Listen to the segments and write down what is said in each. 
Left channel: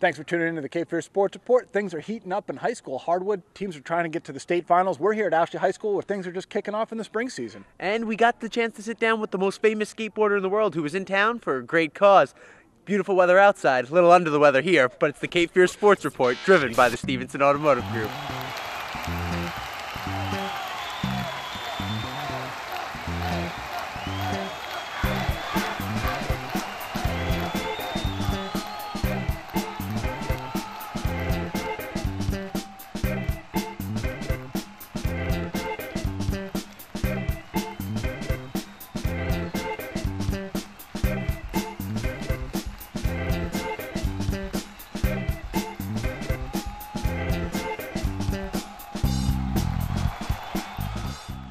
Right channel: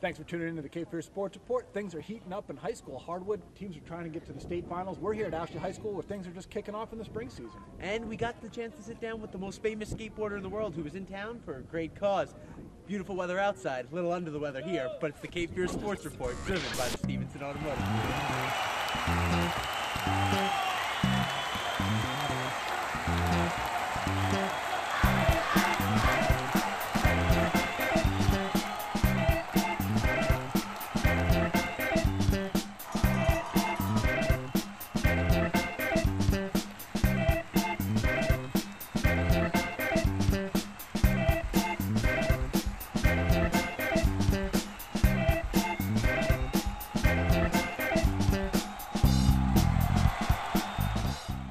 Thanks for tuning into the Cape Fear Sports Report. Things are heating up in high school. Hardwood teams are trying to get to the state finals. We're here at Ashley High School where things are just kicking off in the spring season. And we got the chance to sit down with the most famous skateboarder in the world who was in town for a great cause. Beautiful weather outside, a little under the weather here, but it's the Cape Fear Sports Report driven by the Stevenson Automotive Group.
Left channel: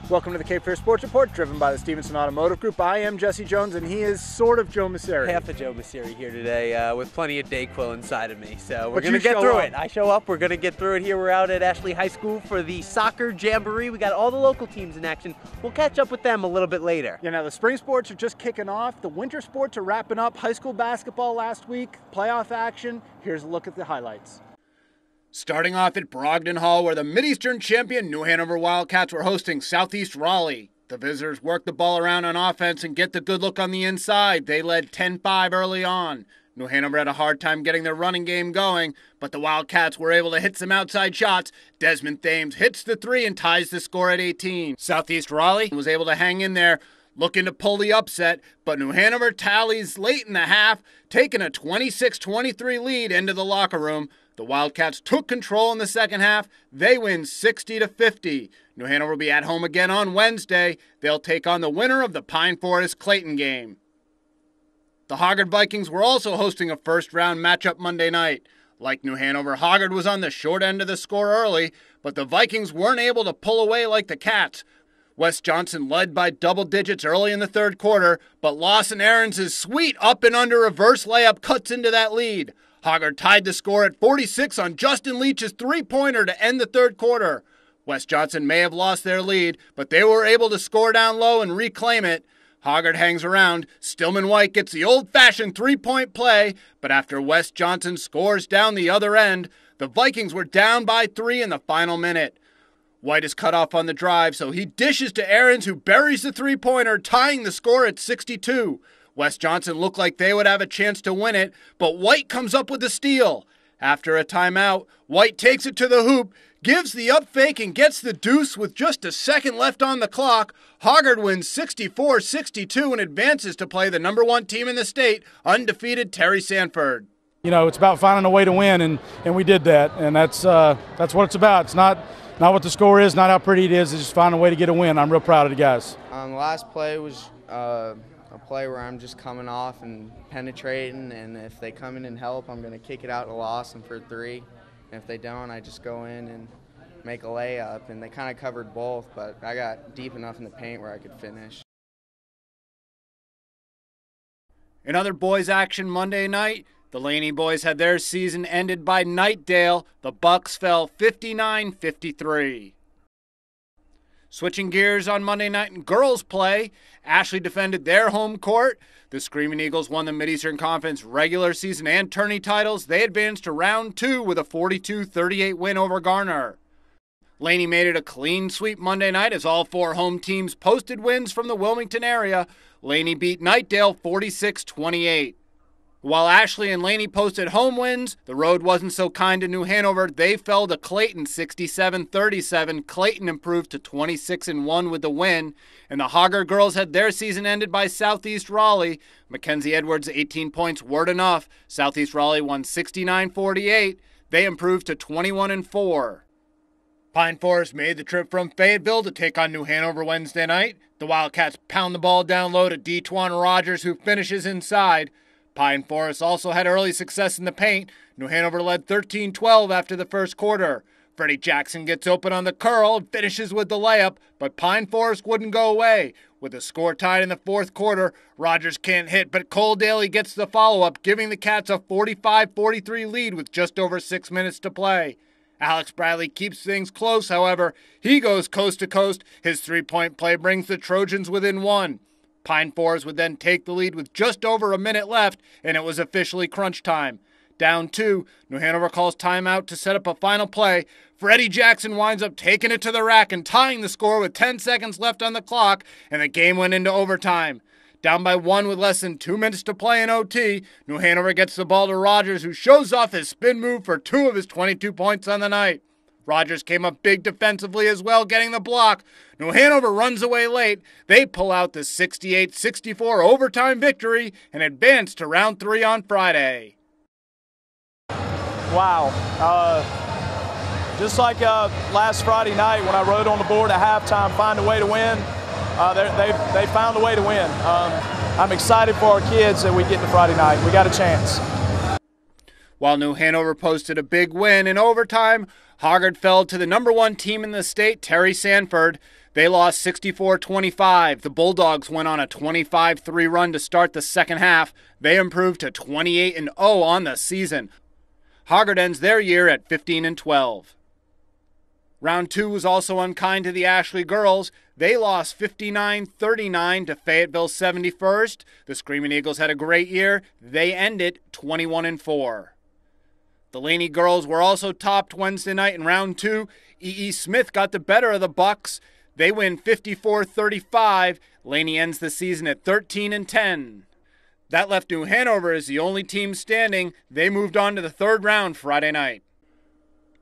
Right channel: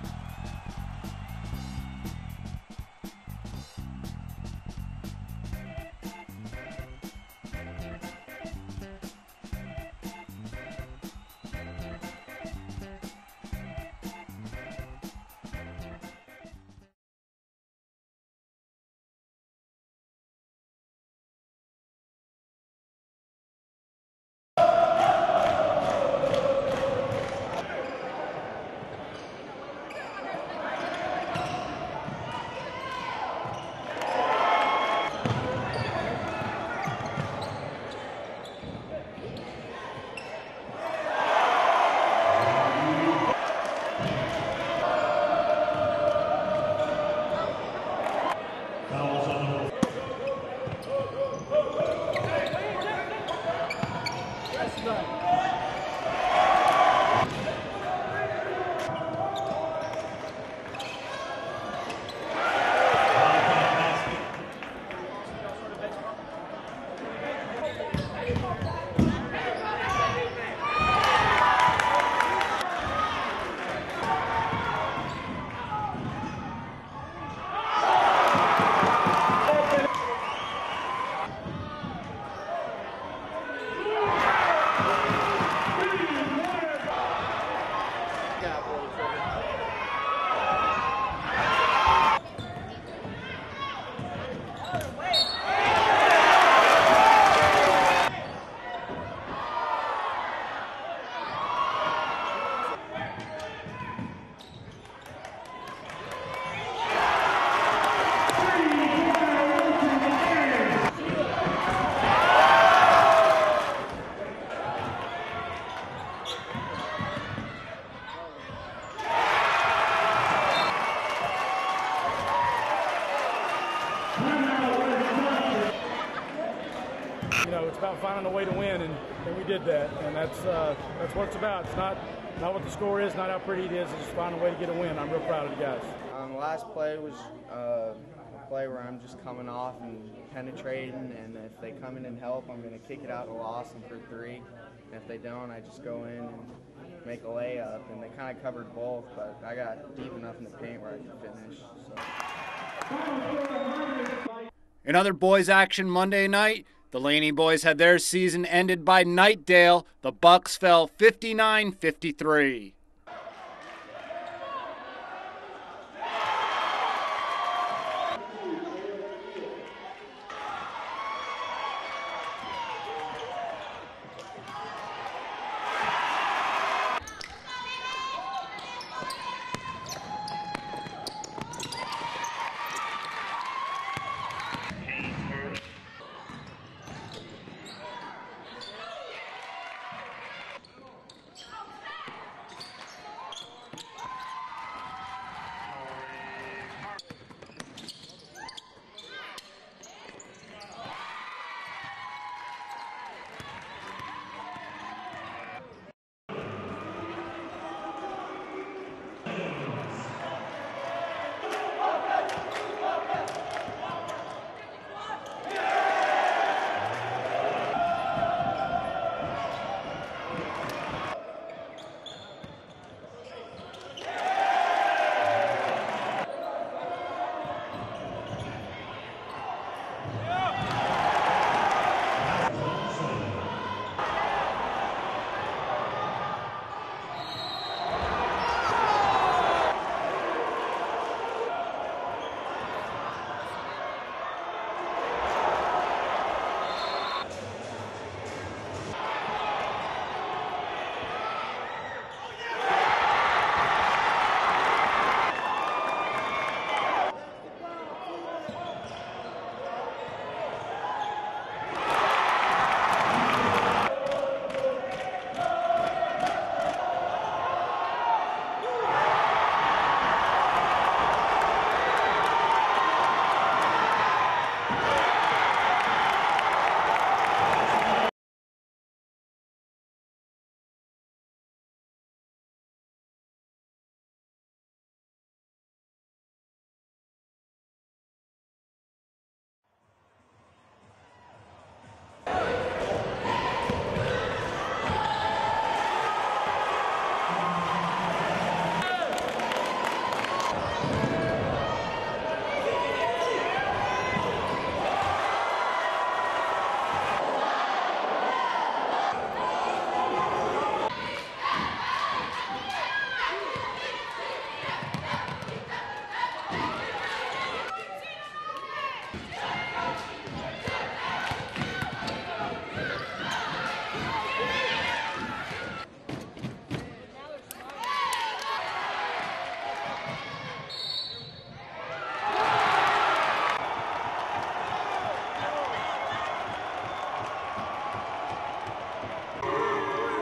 Welcome to the Cape Fear Sports Report, driven by the Stevenson Automotive Group. I am Jesse Jones, and he is sort of Joe Messeri. Half of Joe Messeri here today with plenty of Dayquil inside of me. So we're going to get through it. I show up. We're going to get through it here. We're out at Ashley High School for the soccer jamboree. We got all the local teams in action. We'll catch up with them a little bit later. Yeah, now the spring sports are just kicking off. The winter sports are wrapping up. High school basketball last week, playoff action. Here's a look at the highlights. Starting off at Brogdon Hall, where the Mid-Eastern champion New Hanover Wildcats were hosting Southeast Raleigh. The visitors worked the ball around on offense and get the good look on the inside. They led 10-5 early on. New Hanover had a hard time getting their running game going, but the Wildcats were able to hit some outside shots. Desmond Thames hits the three and ties the score at 18. Southeast Raleigh was able to hang in there, looking to pull the upset, but New Hanover tallies late in the half, taking a 26-23 lead into the locker room. The Wildcats took control in the second half. They win 60-50. New Hanover will be at home again on Wednesday. They'll take on the winner of the Pine Forest Clayton game. The Hoggard Vikings were also hosting a first-round matchup Monday night. Like New Hanover, Hoggard was on the short end of the score early, but the Vikings weren't able to pull away like the Cats. Wes Johnson led by double digits early in the third quarter, but Lawson Aarons' sweet up and under reverse layup cuts into that lead. Hoggard tied the score at 46 on Justin Leach's three-pointer to end the third quarter. Wes Johnson may have lost their lead, but they were able to score down low and reclaim it. Hoggard hangs around. Stillman White gets the old-fashioned three-point play, but after Wes Johnson scores down the other end, the Vikings were down by 3 in the final minute. White is cut off on the drive, so he dishes to Aarons, who buries the three-pointer, tying the score at 62. Wes Johnson looked like they would have a chance to win it, but White comes up with a steal. After a timeout, White takes it to the hoop, gives the up fake, and gets the deuce with just a second left on the clock. Hoggard wins 64-62 and advances to play the #1 team in the state, undefeated Terry Sanford. You know, it's about finding a way to win, and we did that, and that's what it's about. It's not what the score is, not how pretty it is. It's just finding a way to get a win. I'm real proud of the guys. The last play was a play where I'm just coming off and penetrating, and if they come in and help, I'm going to kick it out to Lawson for 3. And if they don't, I just go in and make a layup. And they kind of covered both, but I got deep enough in the paint where I could finish. In other boys action Monday night, the Laney boys had their season ended by Knightdale. The Bucks fell 59-53. Switching gears on Monday night in girls play, Ashley defended their home court. The Screaming Eagles won the Mid-Eastern Conference regular season and tourney titles. They advanced to round 2 with a 42-38 win over Garner. Laney made it a clean sweep Monday night as all 4 home teams posted wins from the Wilmington area. Laney beat Knightdale 46-28. While Ashley and Laney posted home wins, the road wasn't so kind to New Hanover. They fell to Clayton 67-37. Clayton improved to 26-1 with the win. And the Hoggard girls had their season ended by Southeast Raleigh. Mackenzie Edwards' 18 points weren't enough. Southeast Raleigh won 69-48. They improved to 21-4. Pine Forest made the trip from Fayetteville to take on New Hanover Wednesday night. The Wildcats pound the ball down low to Dejuan Rogers, who finishes inside. Pine Forest also had early success in the paint. New Hanover led 13-12 after the first quarter. Freddie Jackson gets open on the curl, finishes with the layup, but Pine Forest wouldn't go away. With the score tied in the fourth quarter, Rogers can't hit, but Cole Daly gets the follow-up, giving the Cats a 45-43 lead with just over 6 minutes to play. Alex Bradley keeps things close, however. He goes coast to coast. His three-point play brings the Trojans within 1. Pine Forest would then take the lead with just over a minute left, and it was officially crunch time. down 2. New Hanover calls timeout to set up a final play. Freddie Jackson winds up taking it to the rack and tying the score with 10 seconds left on the clock, and the game went into overtime. Down by 1 with less than 2 minutes to play in OT, New Hanover gets the ball to Rogers, who shows off his spin move for 2 of his 22 points on the night. Rogers came up big defensively as well, getting the block. New Hanover runs away late. They pull out the 68-64 overtime victory and advance to round 3 on Friday. Wow. Just like last Friday night when I wrote on the board at halftime, find a way to win, they found a way to win. I'm excited for our kids that we get to Friday night. We got a chance. While New Hanover posted a big win in overtime, Hoggard fell to the #1 team in the state, Terry Sanford. They lost 64-25. The Bulldogs went on a 25-3 run to start the second half. They improved to 28-0 on the season. Hoggard ends their year at 15-12. Round 2 was also unkind to the Ashley girls. They lost 59-39 to Fayetteville 71st. The Screaming Eagles had a great year. They ended 21-4. The Laney girls were also topped Wednesday night in round 2. E.E. Smith got the better of the Bucks. They win 54-35. Laney ends the season at 13-10. That left New Hanover as the only team standing. They moved on to the 3rd round Friday night.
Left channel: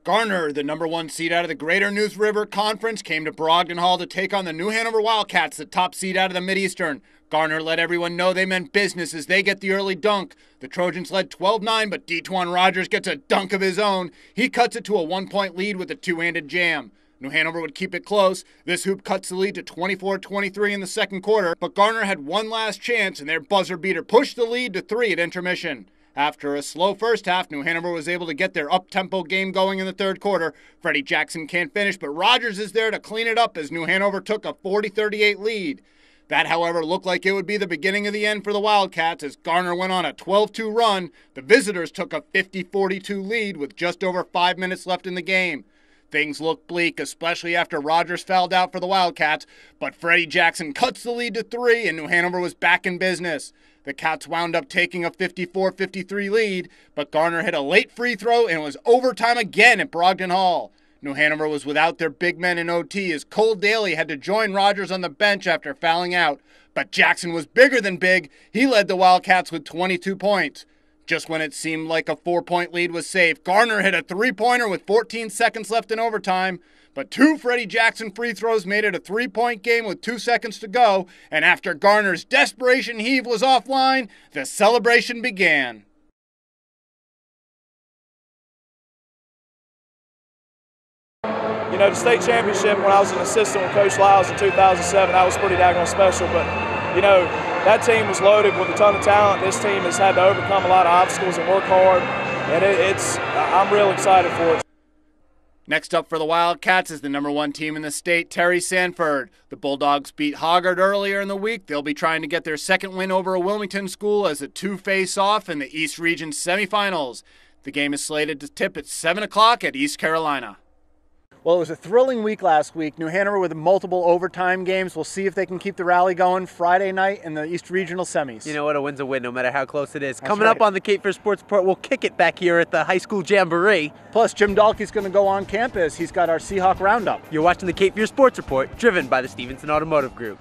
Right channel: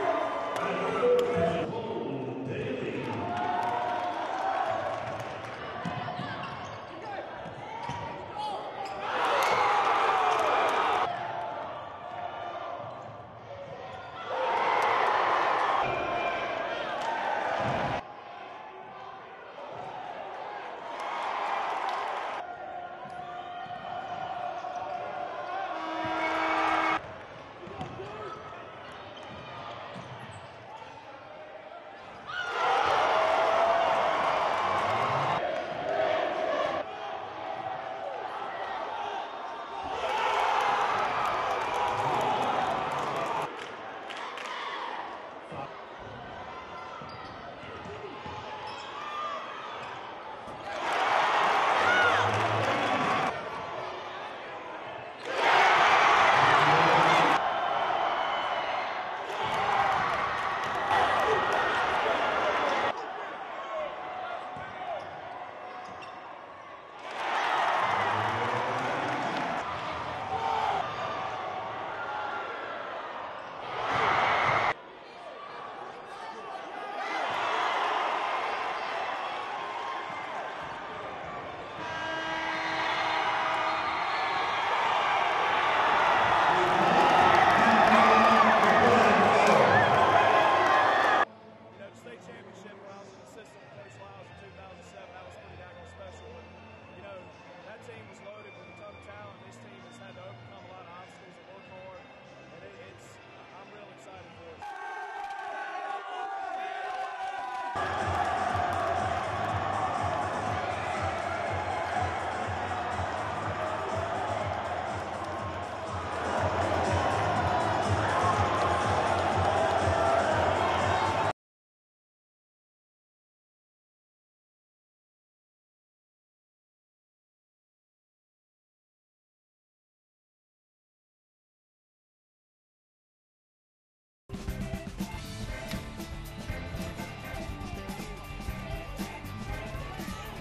Garner, the #1 seed out of the Greater Neuse River Conference, came to Brogden Hall to take on the New Hanover Wildcats, the top seed out of the Mideastern. Garner let everyone know they meant business as they get the early dunk. The Trojans led 12-9, but De'Twan Rogers gets a dunk of his own. He cuts it to a 1-point lead with a 2-handed jam. New Hanover would keep it close. This hoop cuts the lead to 24-23 in the second quarter, but Garner had one last chance, and their buzzer beater pushed the lead to 3 at intermission. After a slow first half, New Hanover was able to get their up-tempo game going in the third quarter. Freddie Jackson can't finish, but Rogers is there to clean it up as New Hanover took a 40-38 lead. That, however, looked like it would be the beginning of the end for the Wildcats as Garner went on a 12-2 run. The visitors took a 50-42 lead with just over 5 minutes left in the game. Things looked bleak, especially after Rogers fouled out for the Wildcats, but Freddie Jackson cuts the lead to 3 and New Hanover was back in business. The Cats wound up taking a 54-53 lead, but Garner hit a late free throw and it was overtime again at Brogden Hall. New Hanover was without their big men in OT as Cole Daly had to join Rogers on the bench after fouling out. But Jackson was bigger than big. He led the Wildcats with 22 points. Just when it seemed like a 4-point lead was safe, Garner hit a 3-pointer with 14 seconds left in overtime. But 2 Freddie Jackson free throws made it a 3-point game with 2 seconds to go. And after Garner's desperation heave was offline, the celebration began. You know, the state championship when I was an assistant with Coach Lyles in 2007, that was pretty daggone special. But, you know, that team was loaded with a ton of talent. This team has had to overcome a lot of obstacles and work hard. And I'm real excited for it. Next up for the Wildcats is the #1 team in the state, Terry Sanford. The Bulldogs beat Hoggard earlier in the week. They'll be trying to get their second win over a Wilmington school as the 2 face off in the East Region semifinals. The game is slated to tip at 7 o'clock at East Carolina. Well, it was a thrilling week last week. New Hanover with multiple overtime games. We'll see if they can keep the rally going Friday night in the East Regional semis. You know what? A win's a win, no matter how close it is. That's Coming up on the Cape Fear Sports Report, we'll kick it back here at the high school jamboree. Plus, Jim Dahlke's going to go on campus. He's got our Seahawk Roundup. You're watching the Cape Fear Sports Report, driven by the Stevenson Automotive Group.